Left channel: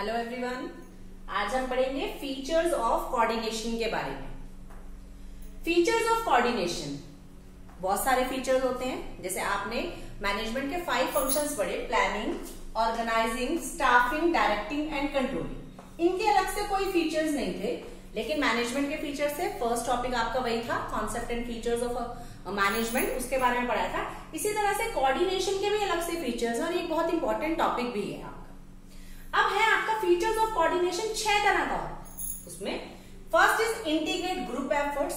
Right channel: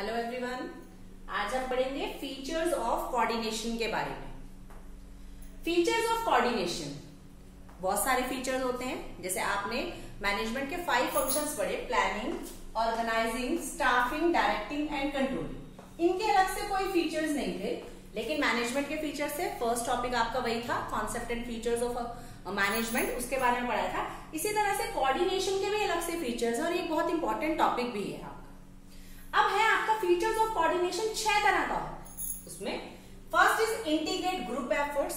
Hello everyone, आज हम पढ़ेंगे फीचर्स ऑफ कोऑर्डिनेशन के बारे में। फीचर्स ऑफ कोऑर्डिनेशन, बहुत सारे फीचर्स होते हैं। जैसे आपने मैनेजमेंट के 5 फंक्शंस पढ़े, planning, organizing, staffing, directing and controlling. इनके अलग से कोई फीचर्स नहीं थे, लेकिन मैनेजमेंट के फीचर्स से फर्स्ट टॉपिक आपका वही था, concept and features of management, उसके बारे में पढ़ाया था। इसी तरह से कोऑर्डिनेशन के भी अलग से फीचर्स हैं और एक बहुत इंपॉर्टेंट टॉपिक भी है आपका। अब है आपका फीचर्स ऑफ कोऑर्डिनेशन 6 तरह का। उसमें first is integrate group efforts,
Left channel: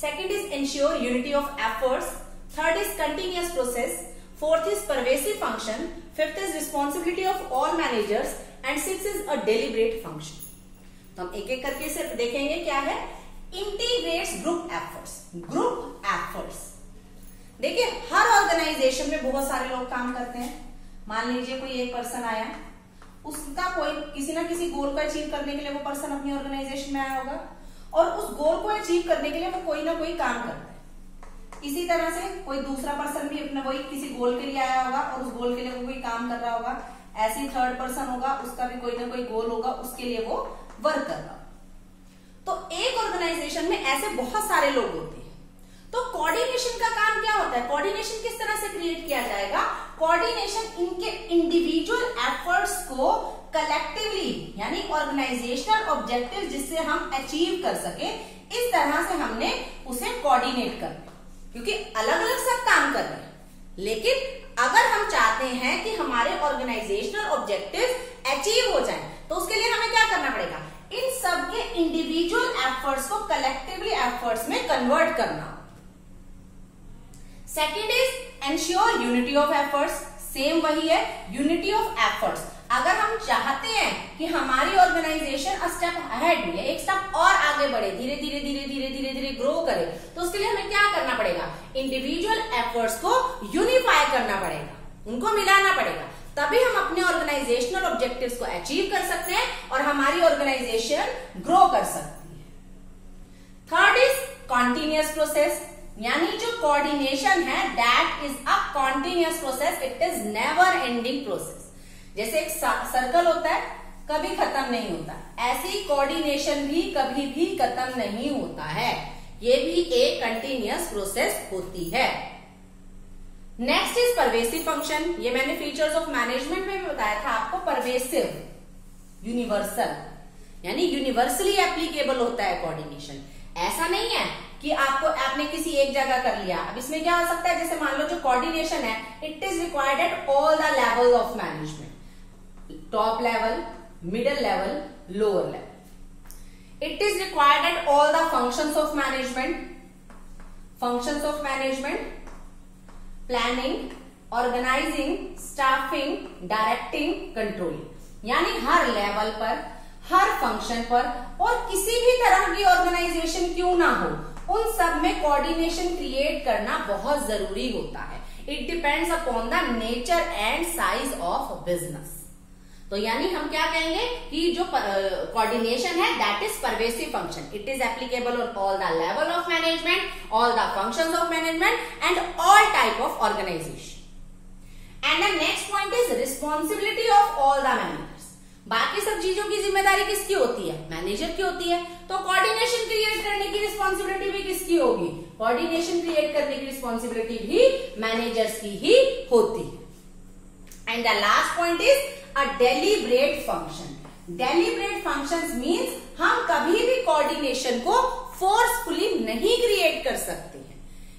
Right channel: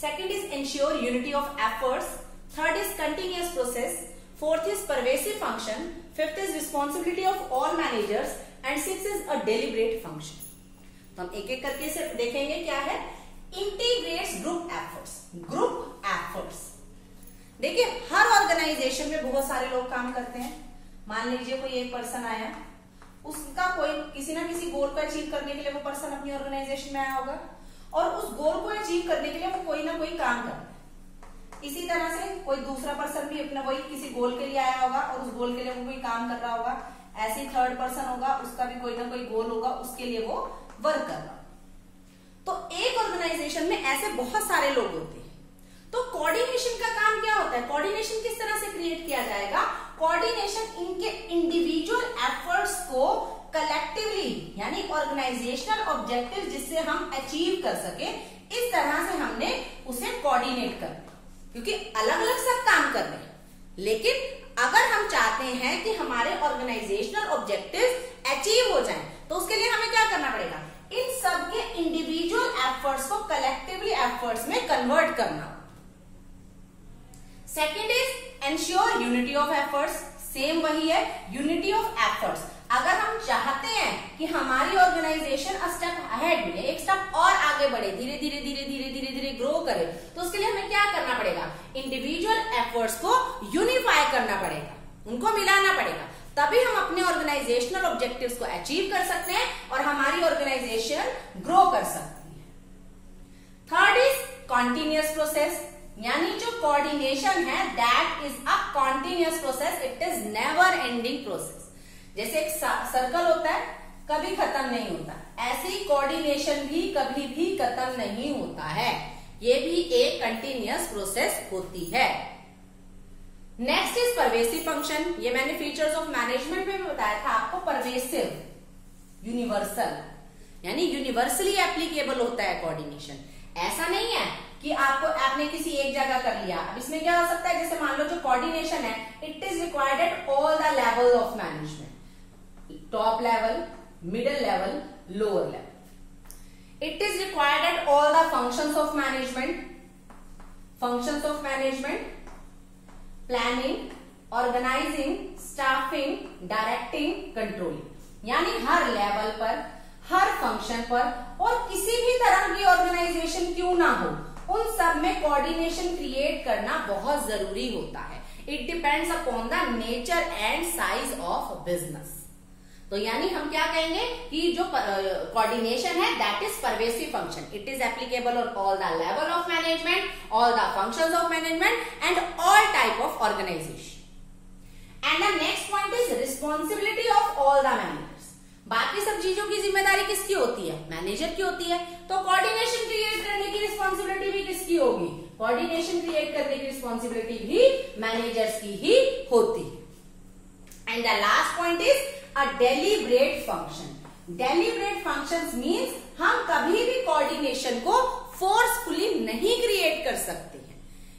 second is ensure unity of efforts, third is continuous process, fourth is pervasive function, fifth is responsibility of all managers and six is a deliberate function. तो हम एक एक करके से देखेंगे क्या है। Integrates group efforts. Group efforts, देखिए हर ऑर्गेनाइजेशन में बहुत सारे लोग काम करते हैं। मान लीजिए कोई एक पर्सन आया, उसका कोई किसी ना किसी गोल को अचीव करने के लिए वो पर्सन अपनी ऑर्गेनाइजेशन में आया होगा और उस गोल को अचीव करने के लिए वो कोई ना कोई काम करता है। इसी तरह से कोई दूसरा पर्सन भी अपना वही किसी गोल के लिए आया होगा और उस गोल के लिए वो कोई काम कर रहा होगा। ऐसे ही थर्ड पर्सन होगा, उसका भी कोई ना कोई गोल होगा, उसके लिए वो वर्क कर रहा। तो एक ऑर्गेनाइजेशन में ऐसे बहुत सारे लोग होते हैं। तो कोऑर्डिनेशन का काम क्या होता है? कोऑर्डिनेशन किस तरह से क्रिएट किया जाएगा? कोऑर्डिनेशन इनके इंडिविजुअल एफर्ट्स को कलेक्टिवली, यानी ऑर्गेनाइजेशनल ऑब्जेक्टिव जिससे हम अचीव कर सके, इस तरह से हमने उसे कोऑर्डिनेट करना। क्योंकि अलग अलग सब काम कर रहे हैं, लेकिन अगर हम चाहते हैं कि हमारे ऑर्गेनाइजेशनल ऑब्जेक्टिव अचीव हो जाए, तो उसके लिए हमें क्या करना पड़ेगा? इन सब के इंडिविजुअल एफर्ट्स को कलेक्टिवली एफर्ट्स में कन्वर्ट करना। Second is ensure unity of efforts. Same वही है, यूनिटी ऑफ एफर्ट्स। अगर हम चाहते हैं कि हमारी ऑर्गेनाइजेशन स्टेप अहेड में, एक स्टेप और आगे बढ़े, धीरे धीरे धीरे धीरे धीरे धीरे ग्रो करे, तो उसके लिए हमें क्या करना पड़ेगा? इंडिविजुअल एफर्ट्स को यूनिफाई करना पड़ेगा, उनको मिलाना पड़ेगा। तभी हम अपने ऑर्गेनाइजेशनल ऑब्जेक्टिव्स को अचीव कर सकते हैं और हमारी ऑर्गेनाइजेशन ग्रो कर सकती है। थर्ड इज कॉन्टिन्यूअस प्रोसेस, यानी जो कोऑर्डिनेशन है that is a continuous process, it is never ending process. जैसे एक सर्कल होता है, कभी खत्म नहीं होता, ऐसे ही कोऑर्डिनेशन भी कभी भी खत्म नहीं होता है, ये भी एक कंटिन्यूअस प्रोसेस होती है। Next is pervasive function. ये मैंने फीचर्स ऑफ मैनेजमेंट में भी बताया था आपको। परवेसिव, यूनिवर्सल, यानी यूनिवर्सली एप्लीकेबल होता है कोऑर्डिनेशन। ऐसा नहीं है कि आपने किसी एक जगह कर लिया। अब इसमें क्या हो सकता है, जैसे मान लो जो कोऑर्डिनेशन है, it is required at all the level of management, top level, middle level, lower level. It is required at all the functions of management, planning, organizing, staffing, directing, controlling. यानी हर लेवल पर, हर function पर, और किसी भी तरह की organisation क्यों ना हो, उन सब में कोऑर्डिनेशन क्रिएट करना बहुत जरूरी होता है। It depends upon the nature and size of business. तो यानी हम क्या कहेंगे कि जो कोऑर्डिनेशन है that is pervasive function. It is applicable on all the level of management, all the functions of management and all type of organization. And the next point is responsibility of all the managers. बाकी सब चीजों की जिम्मेदारी किसकी होती है? Manager की होती है। तो कोऑर्डिनेशन क्रिएट करने की रिस्पॉन्सिबिलिटी भी किसकी होगी? कोऑर्डिनेशन क्रिएट करने की रिस्पॉन्सिबिलिटी भी मैनेजर्स की ही होती है। And the last point is a deliberate function. Deliberate functions means हम कभी भी कोऑर्डिनेशन को फोर्सफुली नहीं क्रिएट कर सकते हैं।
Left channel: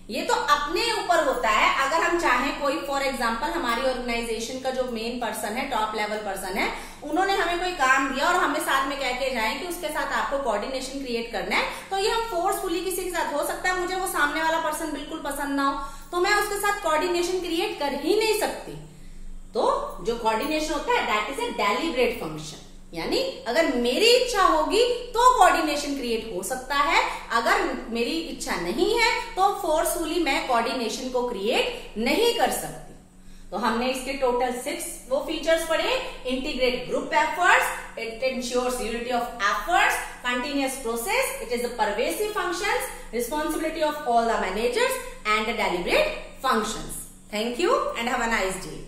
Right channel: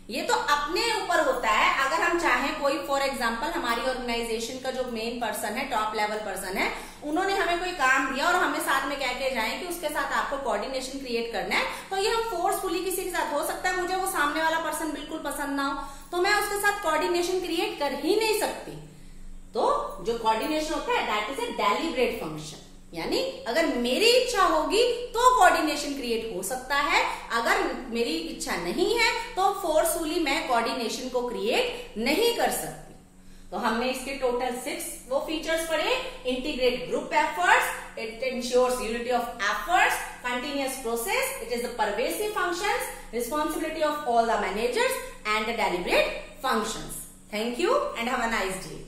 ये तो अपने ऊपर होता है। अगर हम चाहें, कोई फॉर एग्जांपल हमारी ऑर्गेनाइजेशन का जो मेन पर्सन है, टॉप लेवल पर्सन है, उन्होंने हमें कोई काम दिया और हमें साथ में कह के जाए कि उसके साथ आपको कोऑर्डिनेशन क्रिएट करना है, तो ये हम फोर्सफुली किसी के साथ, हो सकता है मुझे वो सामने वाला पर्सन बिल्कुल पसंद ना हो, तो मैं उसके साथ कोऑर्डिनेशन क्रिएट कर ही नहीं सकती। तो जो कोऑर्डिनेशन होता है that is a deliberate function, यानी अगर मेरी इच्छा होगी तो कोऑर्डिनेशन क्रिएट हो सकता है, अगर मेरी इच्छा नहीं है तो फोर्सफुली मैं कोऑर्डिनेशन को क्रिएट नहीं कर सकती। तो हमने इसके टोटल 6 वो फीचर्स पढ़े। Integrate group efforts, it ensures unity of efforts, continuous process, it is the pervasive functions, responsibility of all the managers and the deliberate functions. Thank you and have a nice day.